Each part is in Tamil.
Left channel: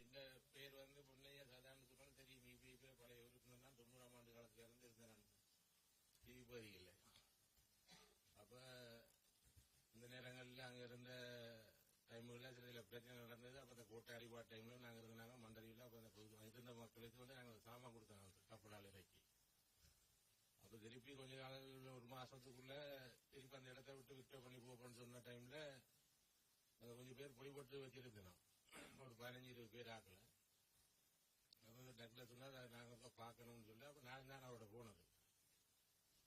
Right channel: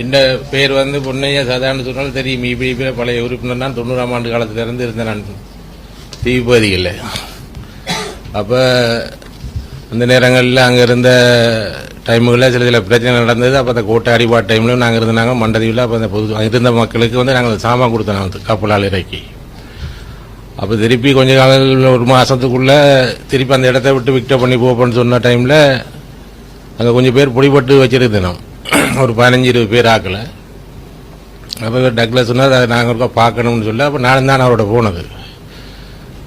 இந்த பேர் வந்து பொன்னையா சாதாரண சொன்னாலும் தெரியும். இபிடிபியில் பழைய உறுப்பினர் தான். 90ஆம் ஆண்டு காலத்திலிருந்து இருந்தேன் நான் தீபதிகளில். அப்போ அந்த நேரங்களில் அங்கே இருந்த டைமுகளில் சில பிரச்சனை நடந்தது. அப்போ அந்த கோட்டை அடிபாடு டைம்லையும் நாங்கள் இருந்தாங்க மண்டதீவில். அப்போ அந்த பொது இருந்த மக்களுக்கு வந்து நாங்கள் சாமான் கொடுத்தோம் வந்து கப்பலால் இறக்கி. அப்போ திருப்பி கொஞ்ச காலம் ஒரு மாதத்துக்குள்ளே திருப்பி அந்த இடத்த விட்டு விக்ட பண்ணி போப்போன்னு சொன்ன டைமில் அங்கே கொஞ்சம் பேர் பிடிபட்டு வச்சுருந்தோம். ஒரு 15-20 பேர் ஆக்கலை. அப்போ டக்ளஸ் சொன்னால் அதை நாங்கள் இருக்கா பார்க்கணும்னு சொல்லி அப்போ நானும் தான் அவரோட போனது.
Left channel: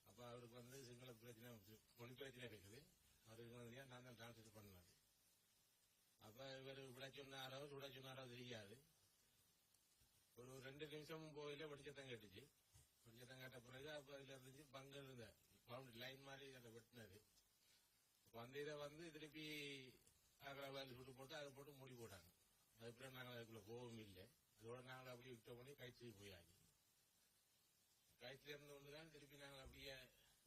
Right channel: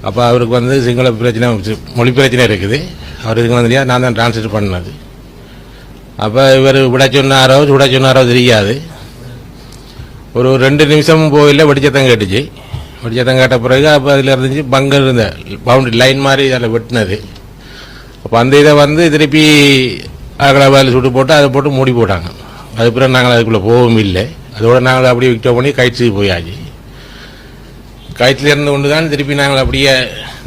அப்போ அவருக்கு வந்து சிங்கள பிரச்சனை மொழி பிரச்சனை இருக்குது. அவர் இதுக்கு வந்து நான் தான் டிரான்ஸ்லேட் பண்ணது. அப்போ இவர் விட சொன்னாரோ சுட சொன்னாரோ தெரியாது. ஒரு 2 நிமிஷம் போயில வெடிச்சத்தம் கேட்டுச்சு. வெடிச்சத்தம் கேட்ட பிறகு அப்போ அதில் இருந்துச்சு பங்கர் இருந்த பவுண்டரி லைன் மாதிரி அதில் வெட்டினது. அப்போ அந்த இதை வந்து திருப்பி அகலவாயில் சுட்டு போட்டு அதை போட்டு மூடி போட்டாங்க. அது பிறகு நாங்கள் அதுக்குள்ளே போகவும் இல்லை. அதோடு நாங்கள் அப்படியே விக்டோ பண்ணி கயிற்றுக்கு போயாச்சு. கயிற்றுல இருந்து கொண்டு தான் திருப்பி நாங்கள் அப்படியே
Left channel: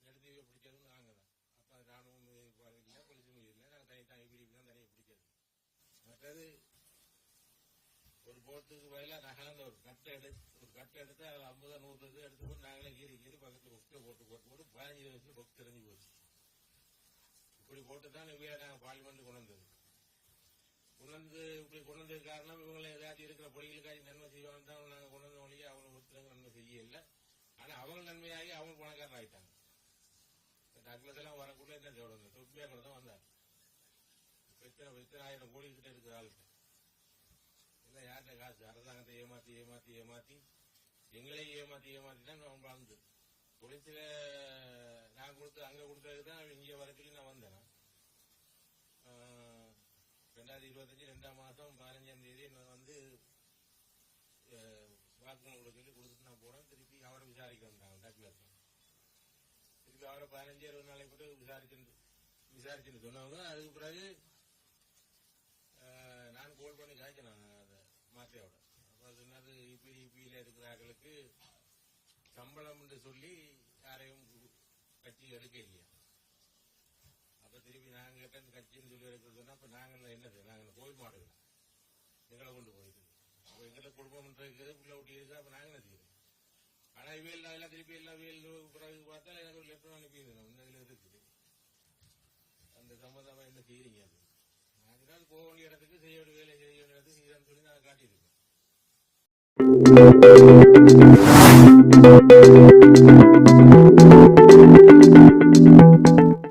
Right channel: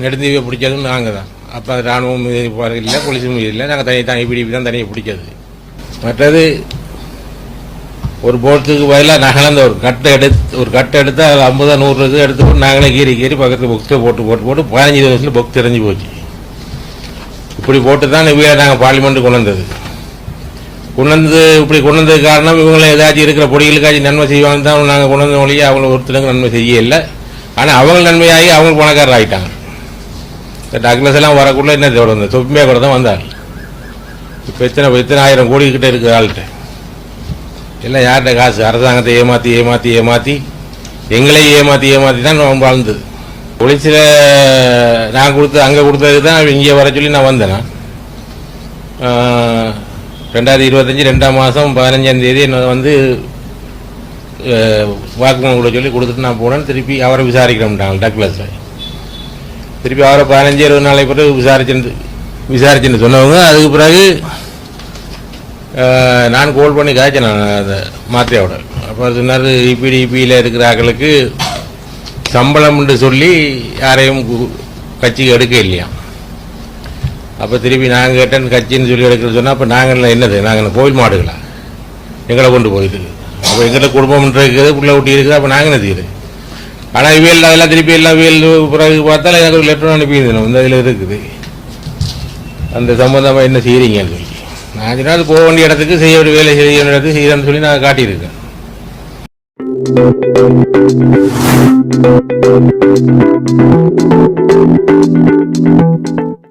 நெடுந்தீவை பிடிச்சதும் நாங்கள் தான். அப்போ அது இராணுவம் இல்லை, போலீஸும் இல்லை. நாங்கள் தனி பிடிப்பி தான் தனியாக பிடிச்சது. மற்றது ஒரு போட்டுக்கு பதிலாக நாங்கள் ஒரு கட்டை எடுத்து அதில் 50-100 எடுத்து போட்டு நாங்களே கீறி பக்கத்தில் புக்ஸை போட்டு 15 வருஷத்தில் புக் தெரிஞ்சு போச்சு. இப்படி போட்டு தான் இவங்க நாங்கள் பார்லிமெண்ட்டு கொண்டு வந்ததுக்கு காரணம் இவங்களை ஏதாச்சும் இருக்கிற பொடிகளுக்காச்சும் நன்மை செய்வாங்க தான் நாங்கள் கொண்டு வந்த மொழியை அவங்கள ஒருத்தருக்கு நன்மை செய்ய இல்லை. ஆனால் அவங்க நன்மையாகி அவங்க பணக்காரர் ஆகிட்டாங்க. டக்ளஸ் எல்லாம் வரக்குள்ள என்ன தொடர்ந்து தொப்பிமையாக கூட தான் வந்தாங்க. இப்போ எத்தனை 1000 கோடி கிட்ட இருக்குது ஆள்கிட்ட. எல்லாம் யார்கிட்ட காசு? அரசாங்கத்தை ஏமாற்றி எங்களையும் ஏமாற்றி தான் வாழ்ந்தது. போலீஸில் நான் அங்கே கொடுத்ததுக்கு தான் இங்கே வர சொல்லி நான் வந்தேன். 2025 2ஆம் மாதம் 15ஆம் தேதி என்ன வந்து வாக்குமூலம் கூட சொல்லி கொடுத்துட்டு நான் போனேன். திருப்பி அவரை விசாரிக்கிறோம்ட்டாங்க டக்ளஸில். திருப்பி அவரை 15-20 நாளை பிறகு விசாரிச்சுன்னு சொன்னவங்க. அதுக்கு பிறகு நான் கோல் பண்ணி காய்ச்சேன் அந்த மாத்திரையோட. அப்போ சொன்னார் இபிடிபியில் இருக்கிற ஆக்களுக்கு சம்பளம்னு சொல்லி யாரையும் கட்சிக்கு எடுக்க இல்லையா. அப்போ திருப்பி நாங்கள் கேட்டேன் கட்சின்னு சொல்லி எடுக்கிறேன்னு சொன்னால் அப்போ நாங்கள் என்னது நாங்கள் கோவில் மாடுகளா எங்களை கொண்டு போயிட்டு. அப்போ எங்கிட்ட குடும்பம் இருக்குது, பிள்ளை ஊட்டி இருக்குது. அப்போ நாங்கள் என்ன செய்யுது? ஆனால் இவியல் அதெல்லாம் திருப்பி எல்லாம் இவியல் பிறகு பார்த்தாலும் எனக்கு ஒரு லெட்டர் அனுப்பியிருந்தேன். இந்த இதில் இருக்குது அந்த சம்பந்தமாக என்ன செய்கிறீங்கன்னு சொல்லி. நான் சொன்னால் போக வேண்டிய இடத்துக்கு செய்ய வேண்டிய வேலை செய்ய வேண்டிய இடத்துக்கு செய்யறேன்னு சொல்லி நான் காட்டியிருக்கேன்.